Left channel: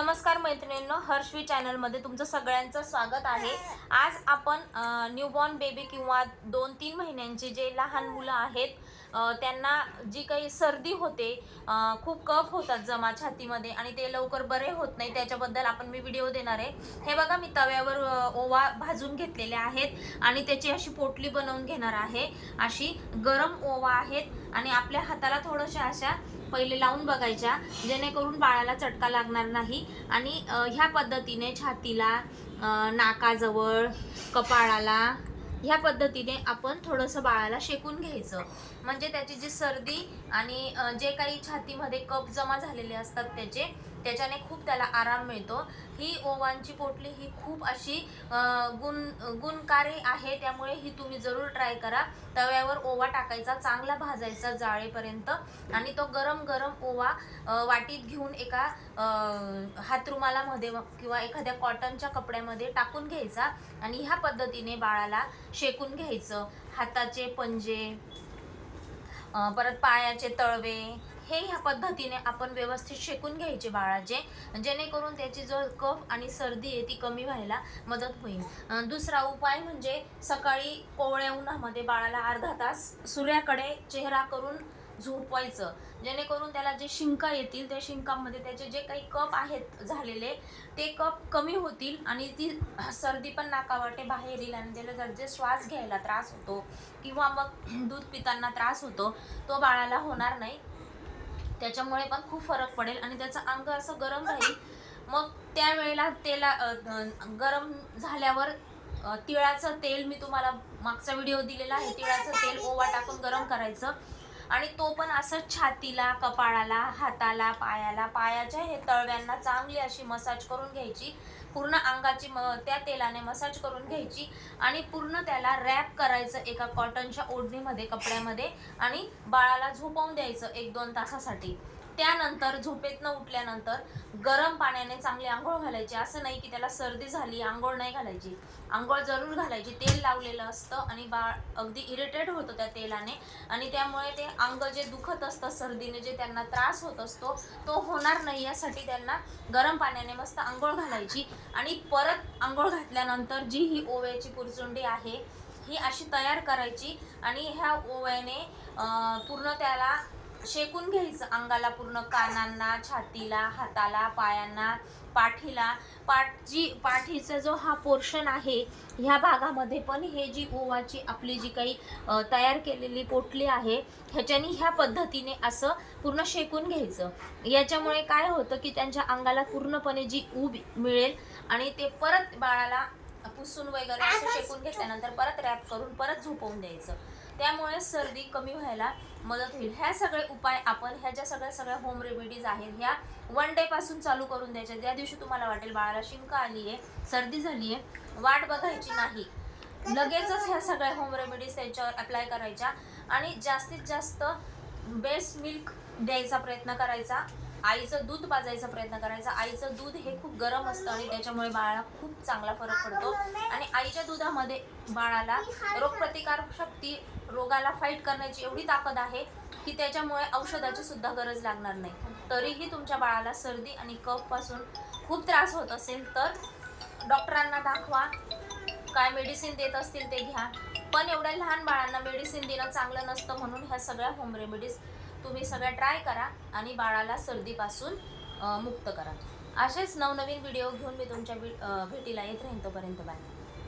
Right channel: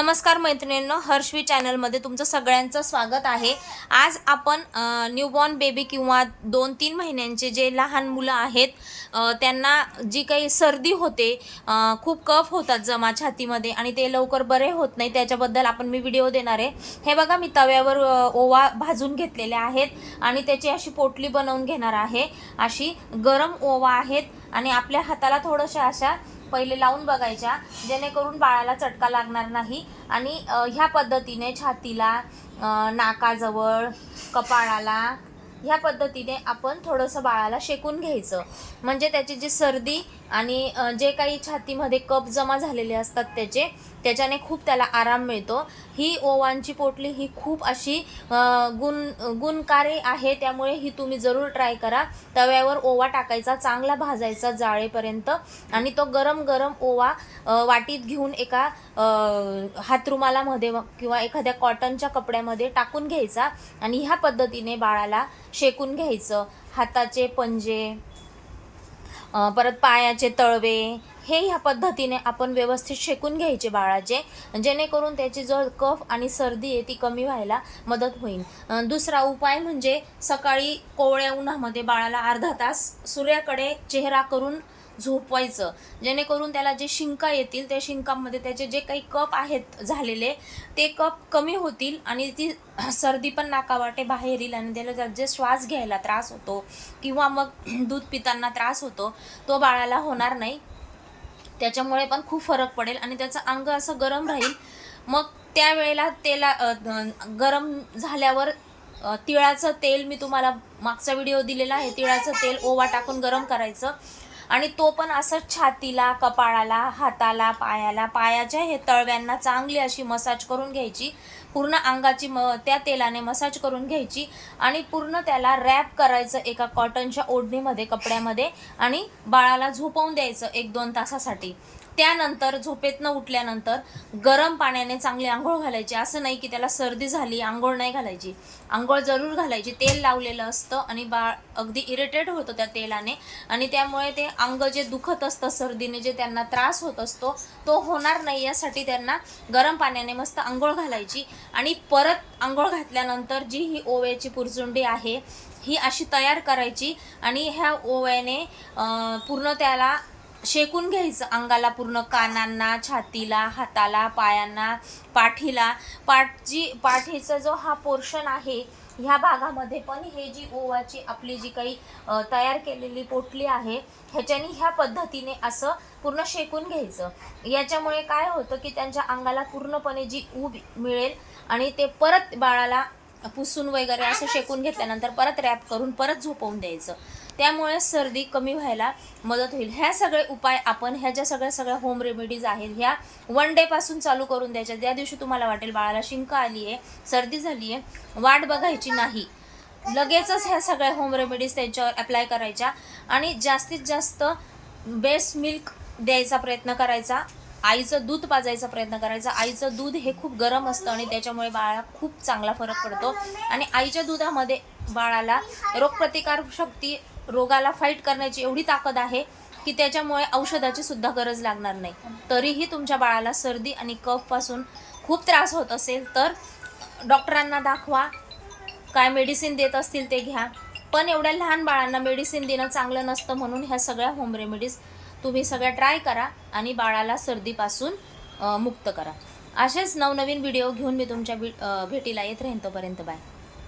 नमस्कार मैत्रिणींनो हर्षवी चॅनलमध्ये तुमचं सगळ्यांचं स्वागत आहे. आज आपण न्यूबॉर्न बेबी किंवा दोन तीन महिन्यांचे जे लहान मुलं आहेत त्यांना जी काही सर्दी होते खूप कफ होतात जमा छातीमध्ये आणि ते लवकर बरे होत नाही त्याच्याबद्दल आपण मी व्हिडिओ देणार आहे. हे बघा मी तव्यावर ओवा भाजून घेतलेले आहेत आणि त्याची अशी पोटली बनवून घेणार आहे. अशी गरम ओवा आहेत. आणि आपल्या हाताला थोडंशा अशा पहिले लावून बघायच्या जेणेकरून बाळाला चटका लागणार नाही. आणि ह्या पद्धतीने छातीला नाकाजवळ कपाळाला ह्या पद्धतीने आपण थोडंसं बाळाला शेकून घ्यायचं. म्हणजे त्याची जी सर्दी आणि जे काही छातीमध्ये कप जमा झालेले असतात त्याचे त्याच्याने खूप त्याला आराम मिळतो. ही ओवांची पोटली ही खूप अशी गुण गुणकारी आहे. त्यामुळे ही तुम्ही जरूर ट्राय करा. तव्यावर ओवा टाकायचा चांगला भाजायचा जाळेपर्यंत आणि तो गरम गरम ओवा वाटीत घेऊन एका हातरुमालामध्ये किंवा एखाद्या कॉटनच्या कपड्यामध्ये टाकून घ्यायचा आणि ह्या पद्धतीने बाळाला शेकून घ्यायचं. हाताचे पंजे परत पायाचे तळवे हे ह्या पद्धतीने आपण व्यवस्थित शेकून घ्यायचे बाळाचे. जेणेकरून त्याची जो कफ आणि सर्दी आहे ती कमी व्हायला मदत होईल. दुसरा उपाय म्हणजे सकाळी कोवळ्या उन्हामध्ये बाळाला अर्धा तास सूर्याकडे चेहरा करून झोपवायचं. जेणेकरून त्याला जे शिंका येतील त्या शिंकामध्ये त्याचे जे काही कप आहेत झालेले ते कप कमी होतील आणि ती सर्दी पण नाकावाटे बाहेर येईल आणि त्याला जे श्वास घ्यायला त्रास होतो किंवा मग दूध पिताना त्रास होतो तो बाळाला होणार नाही. त्याच्यामुळे पण खूप फरक पडेल आणि त्याचं अंग असं गरम राहील. मग त्यावेळेला तेला गरम झाल्यावर तिळाचं तेल मी तुम्हाला मागचा व्हिडिओ दिलेला आहे. तिळाचं तेल ओवा टाकून गरम करायचं. आणि तो पण असं छातीला कपाळाला हाताला पायाला पायाच्या हे तळव्यांना चांगली अशी मसाज करून घ्यायची. पूर्ण अंगाची म त्या तेलाने मसाज करून घ्यायची आणि पूर्ण त्याला रॅप करायचं एका कॉटनच्या ओढणीमध्ये कपड्यामध्ये आणि बाळाला झोपवून द्यायचं एक दोन तासासाठी. त्यानंतर झोपेतनं उठल्यानंतर गरम पाण्याने चांगली आंघोळ घालायची. असं नाही की त्याला सर्दी झाली आंघोळ नाही घालायची. आंघोळ जरूर घालायची. तेल लावलेलं असतं आणि बाळ अगदी इरिटेट होतं त्या तेलाने. आणि त्यामुळे ते अंग जे दुखत असतं सर्दीने जे त्यांना त्रास होत असतो तो होणार नाही यासाठी त्यांना गरम पाण्याने मस्त आंघोळ घालायची. आणि परत आंघोळ घातल्यानंतर जी ही ओव्याची पुरचुंडी आहे ही अशी तयार करायची. आणि ह्या ओव्याने पूर्ण त्याला शेकून घ्यायचं अंगाला पूर्ण कानांना छातीला हाताला पायांना पाठीला. पाठची पाठीचा जो हा पोर्शन आहे ह्या भागामध्ये पण हे जी ओवाची आपली जी काही तयार केलेली पोटली आहे ह्याच्याने ह्या पद्धतीने असं पूर्ण शेकून घ्यायचं. याच्यामुळे काय होतं की त्यांच्या अंगाला पूर्णपणे जी ऊब मिळेल आणि ते परत बाळाला पुसून वगैरे असं शेकून घेतल्यानंतर परत रॅप करून परत झोपवून द्यायचं. त्यामुळे सर्दी कमी व्हायला मदत होईल. ह्या सगळे उपाय आपण ह्या ज्या सगळ्या सगळ्या होम रेमेडीज आहेत ह्या वन डे पासून चालू करून द्यायच्या. ज्या दिवशी तुम्हाला वाटेल बाळाला शिंक आली आहे सर्दी झाली आहे वाट बघायची नाही. लगेचच ह्या सगळ्या होम रेमेडीज त्यांच्यावर अप्लाय करायच्या आणि जास्तीत जास्त बेस्ट मिल्क द्यायचा प्रयत्न करायचा. आईचं दूध पाजायचा प्रयत्न करायचा. आईचं दूध हे खूप गरम असतं आणि त्याच्यामुळे बाळाला खूप चांगला फरक पडतो. आणि आईच्या दुधामध्ये बाळाला रोगप्रतिकार शक्ती रोगाला फाईट करण्याची एवढी ताकद आहे की त्याच्यामुळे औषधाची सुद्धा गरज लागणार नाही. तरीही तुमच्या बाळाला सर्दी आणि कफपासून खूप त्रास होत असेल तर डॉक्टरांना दाखवा. काय मेडिसिन देत असतील ते घ्या. पण एवढ्या लहान बाळांना मेडिसिन देणं चांगलं नसतं म्हणून ह्या सगळ्या होम रेमेडीज तुम्ही सगळ्या ट्राय करा आणि बाळाला सर्दीपासून मुक्त करा. असेच नवनवीन व्हिडिओ घेऊन मी तुमच्या भेटीला येत राहीन तोपर्यंत बाय